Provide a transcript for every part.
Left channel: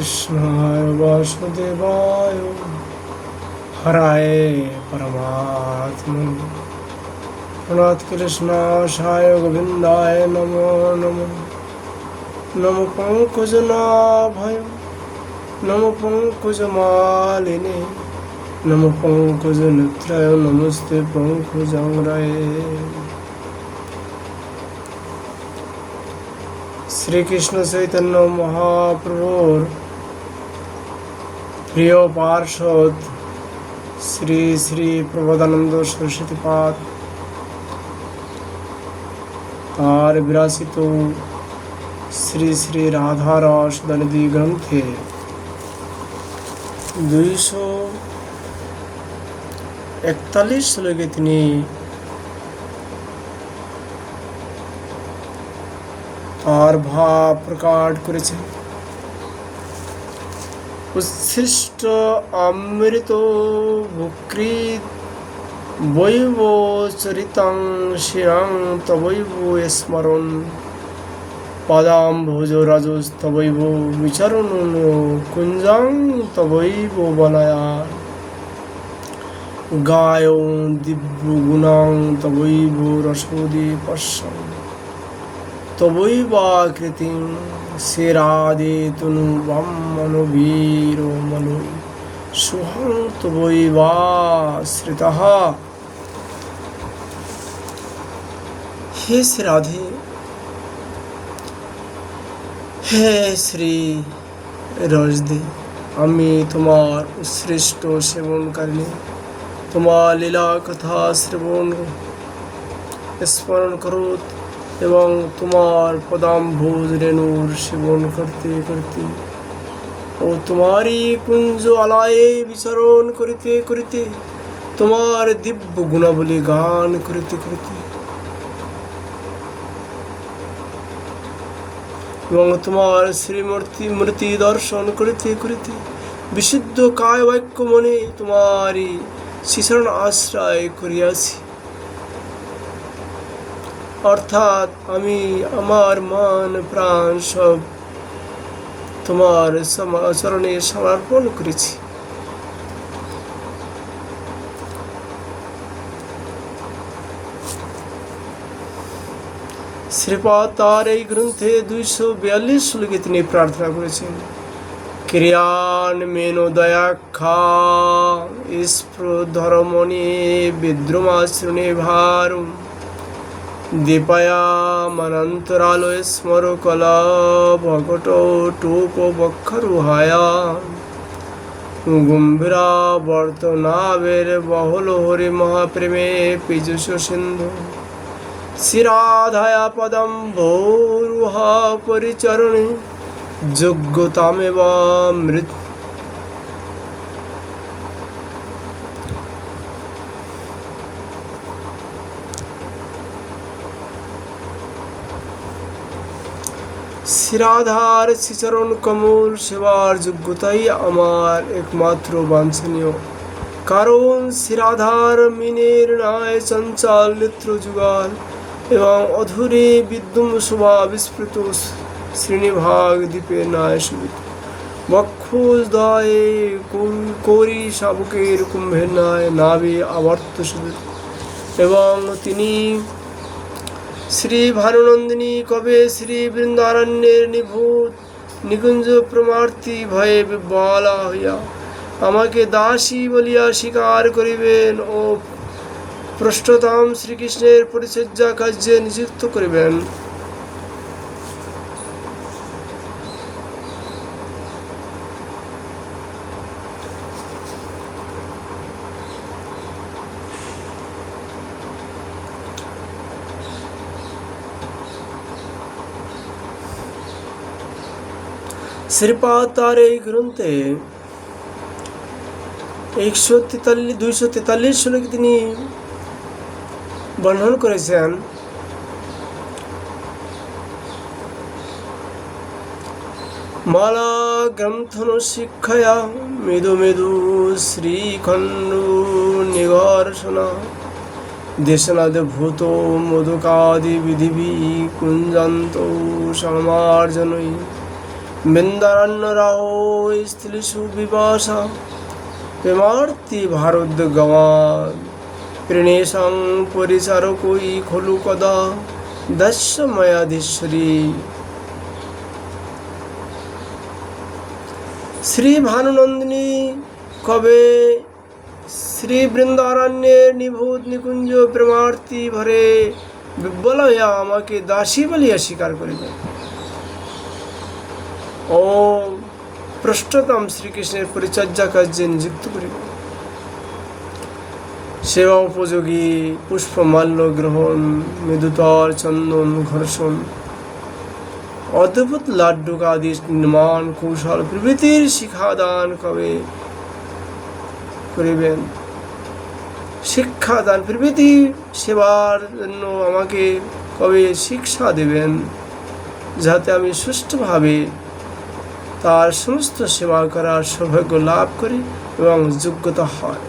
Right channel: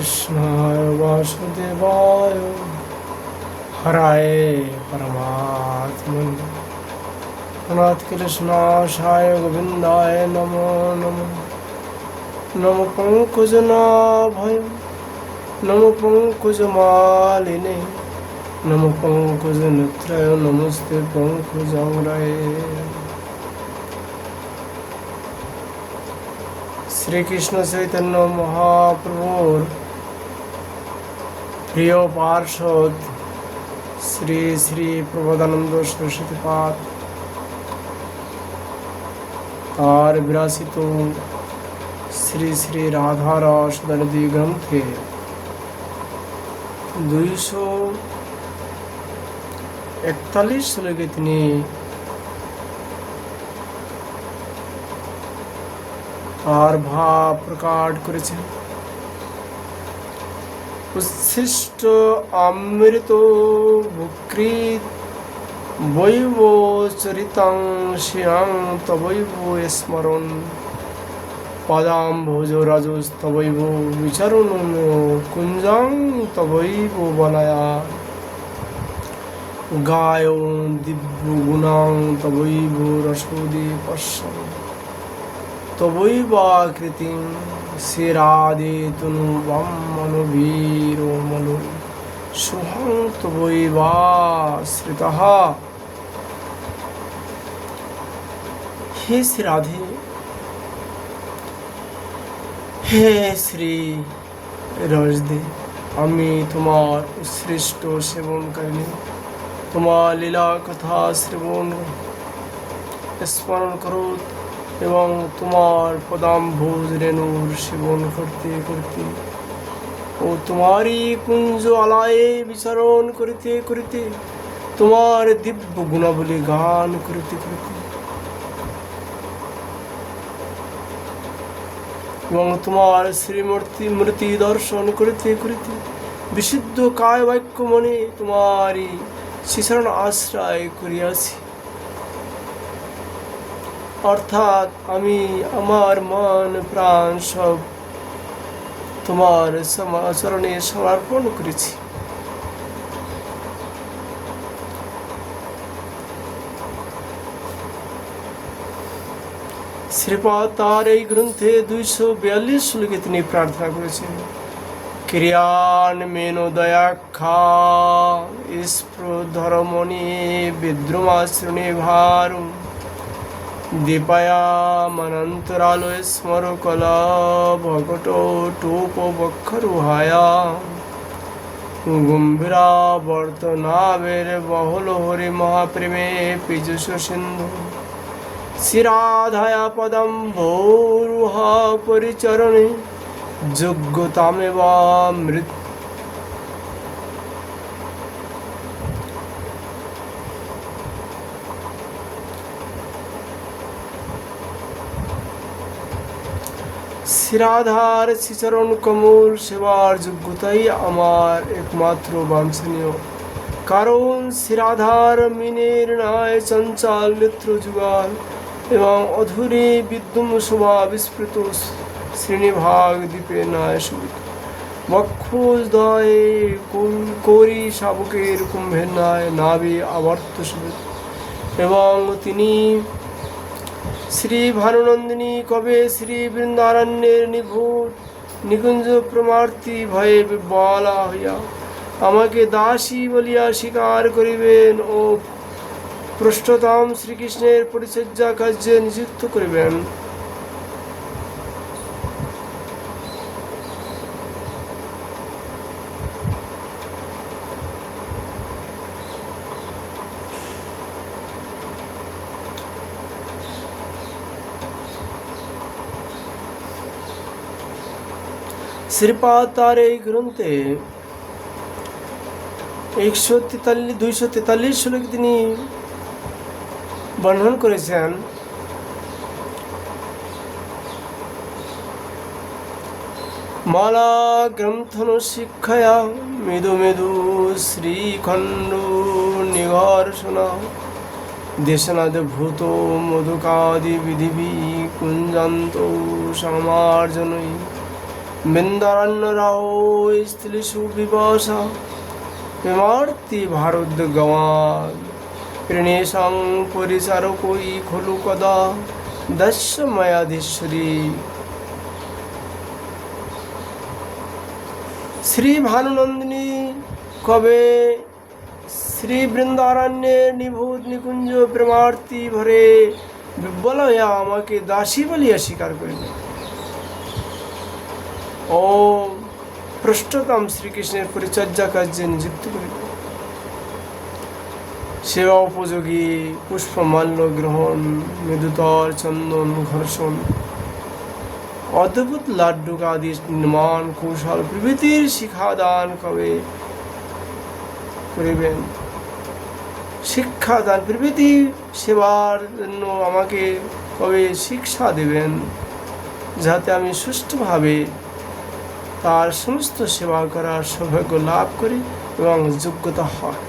कृष्णाय वासुदेवाय हराय परमात्मने अनाथ कृष्णाशाय गोविंदाय नमो नमो नमो पंकजनाभय नमो पंकजमालिने नमो पंकजनेत्राय नमस्ते पंकजांग्रये। श्री कृष्ण चैतन्य महाप्रभुर प्रिय पार्षद श्री श्री प्रबोधानंद सरस्वती पाद আর বিরাসিত শ্রী শ্রী রাধা রস দনদী গ্রন্থে 241 শ্লোকে তিনি আর ভাব প্রকাশ করেছেন। উচ্ছিষ্ট অমৃত ভুকৃত বৈব চরিতাং শিরাং তবৈব স্মরণ পদাম ভোজ রাজস্তবৈব বিচরণ কুঞ্জাং তবৈব বলয়া গায় দিব্য গুণাং তবৈব রসোদে পশ্যম তবৈবাকৃতিং শিরাদে তনু মনোবীর মনো শুভং তবৈবাশ্রিতঃ। হে শ্রী রাধে, হে শ্রী রসদে, আমি তোমার শ্রেষ্ঠ সেবনকারিণী, তোমার লীলা কথা শ্রবণ স্মরণ করো এবং তোমার পদাম্ভোজ রেণুর সেবন করতে করতে ও তোমারই কুঞ্জ আলায়ে বিচরণ করিতে করিতে তোমার দিব্য গুণাবলী গান করিতে করিতে এবং তোমার শ্রীমূর্তি দর্শন করিতে করিতে বিশুদ্ধ কায় বাক্য মনে তোমারই শ্রীচরণ আশ্রয় করিয়াছি। অর্থাৎ আমি আমার মন প্রাণ সব তোমার চরণে সমর্পণ করেছি। শ্রীপাদ তার এই গ্রন্থে 242 শ্লোকে তিনি প্রার্থনা করেছেন। ক্রিয়ান মেনো দয়াখ্যা স্পৃধরমণি বিদ্রুমাশ্রুণি ভার দীপায়া মনন্তরালয় স্মর কলা ভকট টুপ বক্ষরুহায়া গম্ভীরা বর্তনাবের বহুল হরি মহাপ্রেমে পীযুষ সিন্ধু শ্রীরাধায়া পদম ভৌরুহা পরিচরণে যোগ্যতামেবামৃত। শ্রীরাধার শ্রীচরণ কমল সেবার যোগ্যতাই আমার একমাত্র বাঞ্ছনীয়, কারণ শ্রীরাধার মিনের ন্যায় চঞ্চল নেত্র যুগল এবং অধুরে বিদ্যুম শোভা বিস্ফৃত শ্রীনিভাগ দ্বীপের ন্যায় সুবিত বক্ষুদয়ে কৌরি শাবকের কুম্ভের ন্যায় নাভি আবর্ত সুবিত এবং তিনি শ্রী ভানুনন্দিনী কবে শ্রী বৃন্দারণ্যের নিভূত নিকুঞ্জ প্রমার্থী ভয়ে বিহ্বলা হইয়া আমাকে দাসী বলিয়া স্বীকার করিবেন ও পৃষ্ঠতম শ্রীকৃষ্ণের পরিচর্যা কার্যে নিযুক্ত করিবেন। শ্রীপাদ তার এই গ্রন্থে 243 শ্লোকে তিনি বর্ণন করেছেন। মালা গ্রন্থন শিক্ষায়া মৃদু মৃদু শ্রীখণ্ড নিঘর্ষণা দেশনাদভূত মোদকাদি বিধিবি কুঞ্জন্ত সমার্জনৈ বৃন্দারণ্য রাহো স্থলিষু বিপাশা প্রেমার্তি ভারত গওয়ান প্রেণেশং পরিচারকই খলু কদা দস্য ময়াধীশ্বরী। শ্রী ভানুনন্দিনী কবে শ্রী বৃন্দারণ্যের নিভূত নিকুঞ্জ প্রেমার্তি ভরে বিব্বল হইয়া আমাকে দাসী বলিয়া স্বীকার করিবে ও পৃষ্ঠতম শ্রীকৃষ্ণের পরিচর্যা কার্যে নিযুক্ত করিবে। সেবা উপযোগী পুষ্পমাল্য গ্রহণ, মৃদুতর চন্দন ঘর্ষণ, অদ্ভুত লাড্ডুক আদি নির্মাণ কৌশল প্রভৃতির শিক্ষাদান কবে করিবেন। শিক্ষাদান প্রভৃতি সেবার জন্য আমাকে কবে শিক্ষা দেবেন, যাতে আমি সুষ্ঠুভাবে তার সমস্ত সেবা করার সৌভাগ্য লাভ করি এবং যোগ্যতা হয়।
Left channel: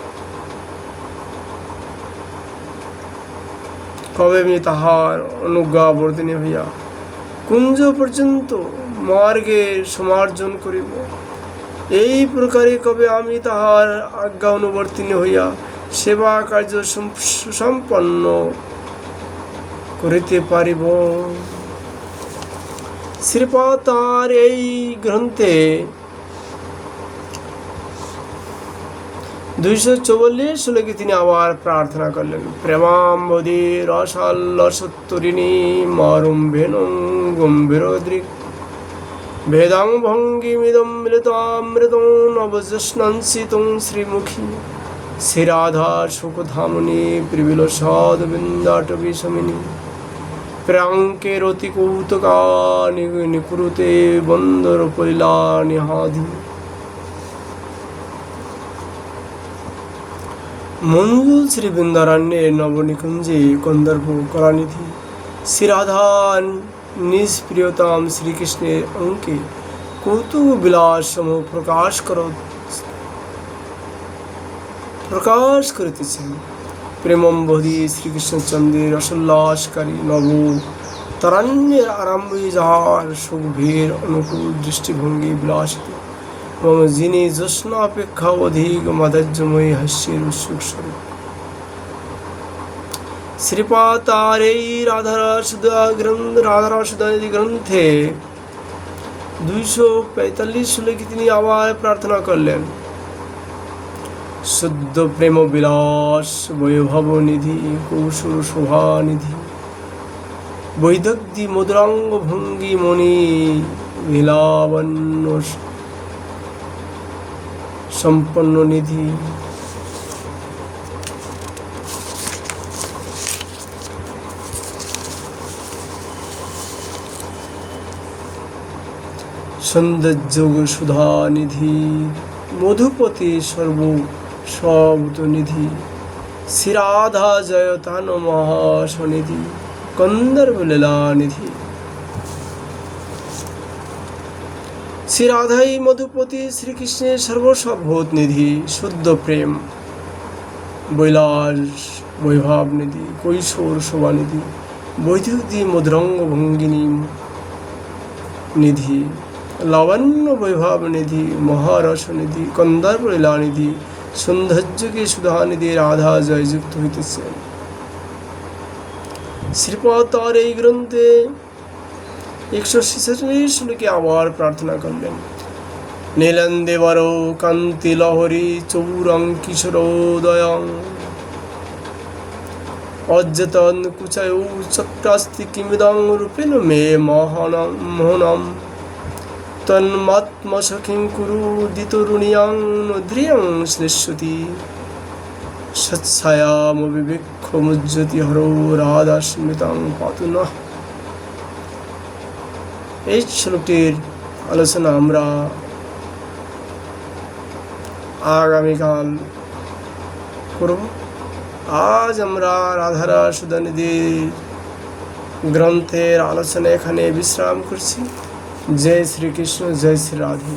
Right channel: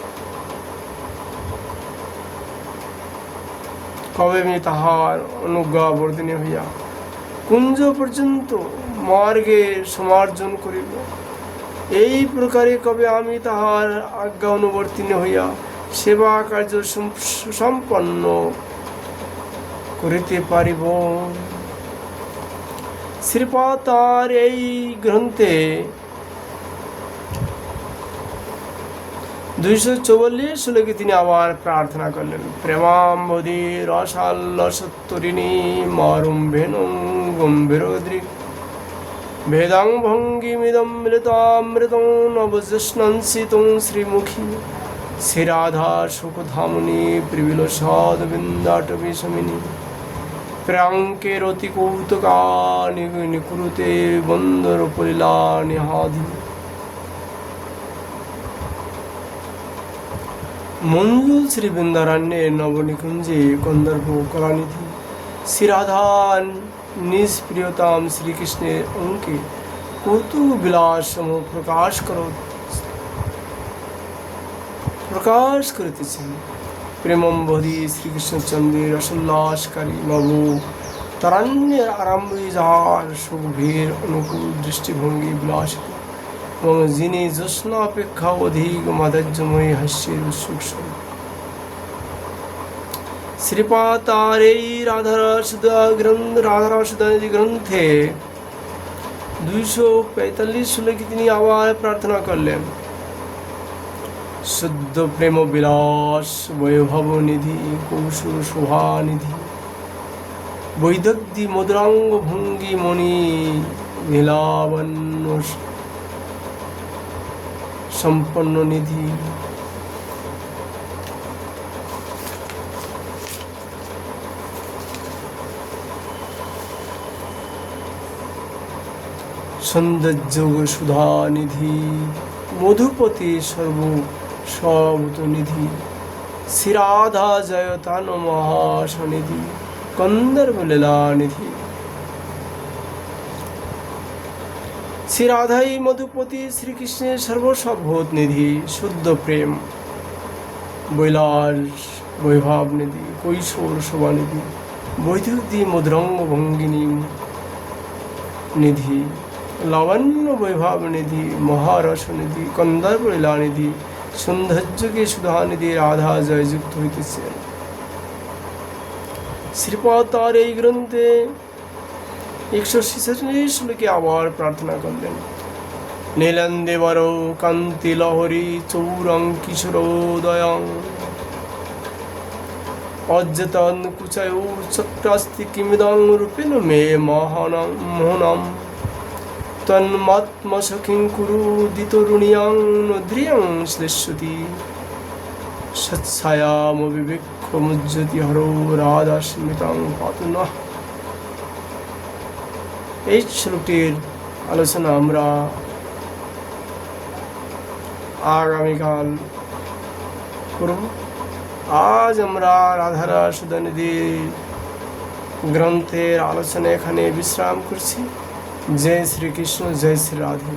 কবে আমি তাহার অনুজ্ঞাবর্তিনী হইয়া কুঞ্জ পর্যন্ত মার্গের সমার্জন করিব। এই প্রকারে কবে আমি তাহার আজ্ঞা অনুবর্তিনী হইয়া সেবা কার্য সুসম্পন্ন করিতে পারিব। শ্রীপাদ তার এই গ্রন্থে 244 শ্লোকে তিনি আবার প্রার্থনা করলেন। প্রেমাম্বধি রসাল্লসত্তরিণী মারুম্ভেন গম্ভীরদৃক ভেদাং ভঙ্গিমিদম মৃতামৃতং নবজস্নন্সিতং শ্রীমুখী শ্রীরাধা সুখধামনি প্রিবিলসাদ বৃন্দাটবী সমিনী প্রাঙ্কে রতি কৌতুকানি নিকুরুতে বন্দর পৈলা নিহাধি। মঞ্জুল শ্রী বৃন্দারণ্যের নবনিকুঞ্জে গন্ধর্ব কলানিধি শ্রীরাধা নিজ প্রিয়তম শ্রীকৃষ্ণের অঙ্কে কৌতুক বিলাস সমূহ প্রকাশ করিতেছেন। প্রেমম্বধি শ্রীকৃষ্ণচন্দ্রের রসোল্লাসকারী নব তারণ্যের আরম্ভে যাহার সুখভীর অনুকূল দৃষ্টিভঙ্গি বিলাসিত এবং যিনি জ্যোৎস্না অপেক্ষা অধিক মাধুর্যময়ী হাস্যের উৎসুক স্বরূপ। শ্রীপাদ তার এই রাধারাসুদানিধি গ্রন্থে 245 শ্লোকে তিনি আবার প্রার্থনা করলেন। শুদ্ধ প্রেম বিলাস বৈভব নিধি কৌশল শোভা নিধি বৈদগ্ধি মধুরাঙ্গ ভঙ্গি মণি বিলাবন্য সম্পন্ন নিধি সৌন্দর্য সুধা নিধি মধুপতি সর্বসবত নিধি শ্রীরাধা জয়তান মহাসনিধি কন্দর্ব লীলা নিধি। শ্রীরাধাই মধুপতি শ্রীকৃষ্ণের সর্বসভূত নিধি শুদ্ধ প্রেম বৈলাস বৈভব নিধি কৈশোর শোভা নিধি বৈদগ্ধি মধুরঙ্গ ভঙ্গিনী নিধি লাবণ্য বৈভব নিধি মহারস নিধি কন্দর্প লীলা নিধি সৌন্দর্যকে সুধা নিধি রাধা জয়যুক্ত হইতেছে। শ্রীপাদ তার এই গ্রন্থে 146 শ্লোকে আবার প্রার্থনা করলেন। নীলেন্দেবর কান্তি লহরী চৌরং কিশোরোদয়ং অজ্জতন কুচয় চক্রাস্তি কিমিদং রূপেণ মে মোহনম তন্মাত্মসখিং কুরু দিতরুণিয়াং নদ্রিয়ং শ্লেষ্যতি সৎসায়ামবিবেক্ষমুজ্জ্যোতি হরো রাধা স্মৃতাং পাতু নঃ। এই শ্লোকটির আলোচনা আমরা আগামীকাল করব। আজ আমরা রাধারাসুদানিধির গ্রন্থের আলোচনা এখানে বিশ্রাম করছি। জয় শ্রীকৃষ্ণ, জয় শ্রী রাধে।